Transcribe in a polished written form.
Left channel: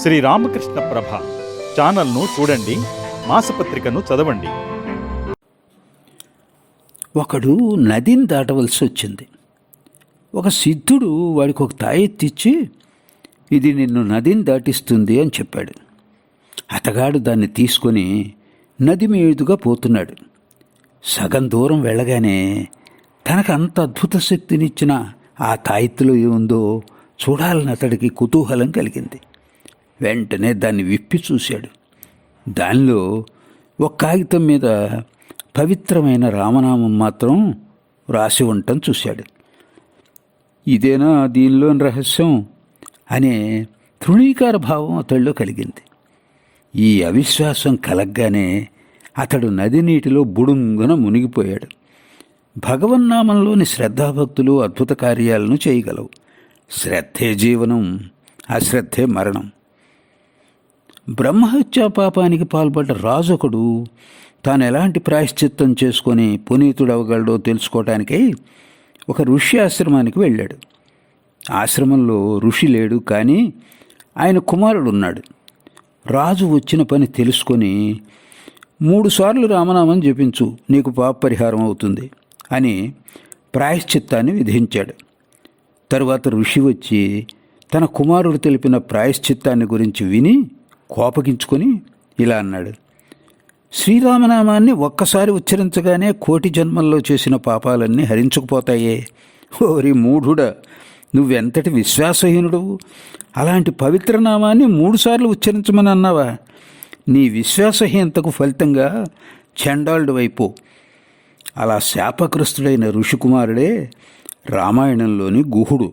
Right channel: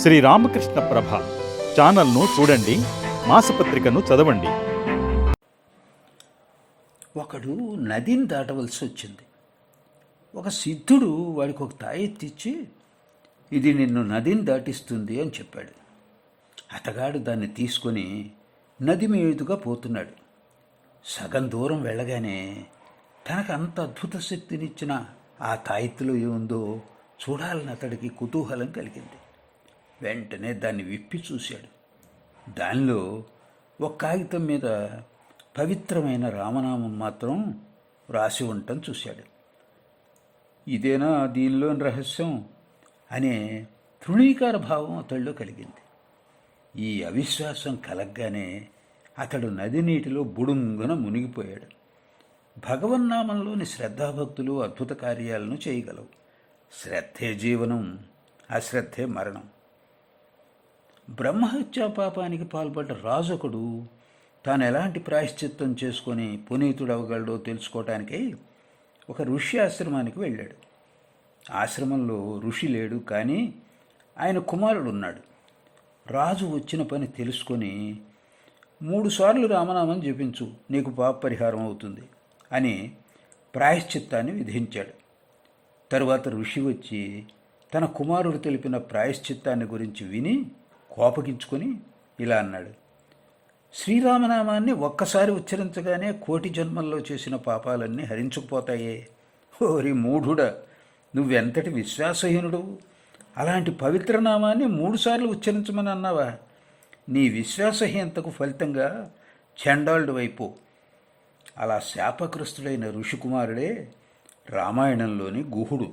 శ్రీ రామకృష్ణ ప్రభ ఛానల్ను చూడండి, మాసపత్రికను చదవండి. ఒకడు నదిని దాటవలసి వచ్చింది. ఒక సిద్ధుడు వాడికి ఒక తాయెత్తిచ్చి, ఇది నిన్ను నదిని దాటిస్తుంది అని చెప్పాడు. అతగాడు దాన్ని తీసుకొని నది మీదుగా పోతున్నాడు. సగం దూరం వెళ్ళగానే తనకు అంత అద్భుత శక్తినిచ్చిన ఆ తాయెత్తులో ఏముందో చూడాలని అతడికి కుతూహలం కలిగింది. వెంటనే దాన్ని విప్పి చూశాడు. దానిలో ఒక కాగితం మీద పవిత్రమైన రామనామం మాత్రం రాసి ఉండటం చూశాడు. ఇదేనా దీనిలోని రహస్యం అనే తృణీకార భావం అతడిలో కలిగింది. ఈ అవిశ్వాసం కలగ్గానే అతడు నది నీటిలో బుడుంగున మునిగిపోయాడు. భగవన్నామంలోని శ్రద్ధాభక్తులు అద్భుత కార్యాలను చేయగలవు. శ్రద్ధే జీవనం, అశ్రద్ధే మరణం. బ్రహ్మహత్యా పాపానికి పాల్పడ్డ రాజొకడు తాను ఎలాంటి ప్రాయశ్చిత్తం చేసుకొని పునీతుడవగలడో తెలుసుకోవటానికై ఒక ఋషి ఆశ్రమానికి వెళ్ళాడు. ఆశ్రమంలో ఋషి లేడు, కానీ ఆయన కుమారుడు ఉన్నాడు. రాజు వచ్చిన పని తెలుసుకొని 3 సార్లు రామనామం జపించు, నీకు పాప పరిహారం అవుతుంది అని ప్రాయశ్చిత్తాన్ని విధించాడు. తరువాత ఋషి వచ్చి తన కుమారుడు తెలిపిన ప్రాయశ్చిత్తాన్ని గురించి విని కోపగించుకొని ఇలా అన్నాడు: శ్రీరామనామాన్ని ఒక్కసారి ఉచ్చరించగానే 1,000,000 జన్మల్లో చేసిన పాపాలన్నీ హరించుకుపోతాయే. ఓరి మూఢుడా, నువ్వెంతటి విశ్వాసహీనుడు! అలాంటి పవిత్ర నామాన్ని 3 సార్లు ఉచ్చరించమని అన్నావా? నీ విశ్వాసహీనతకు ఫలితంగా చండాలుడు వైపు. అలా శాపగ్రస్తుడైన ఋషికుమారుడే రామాయణంలోని గుహుడు.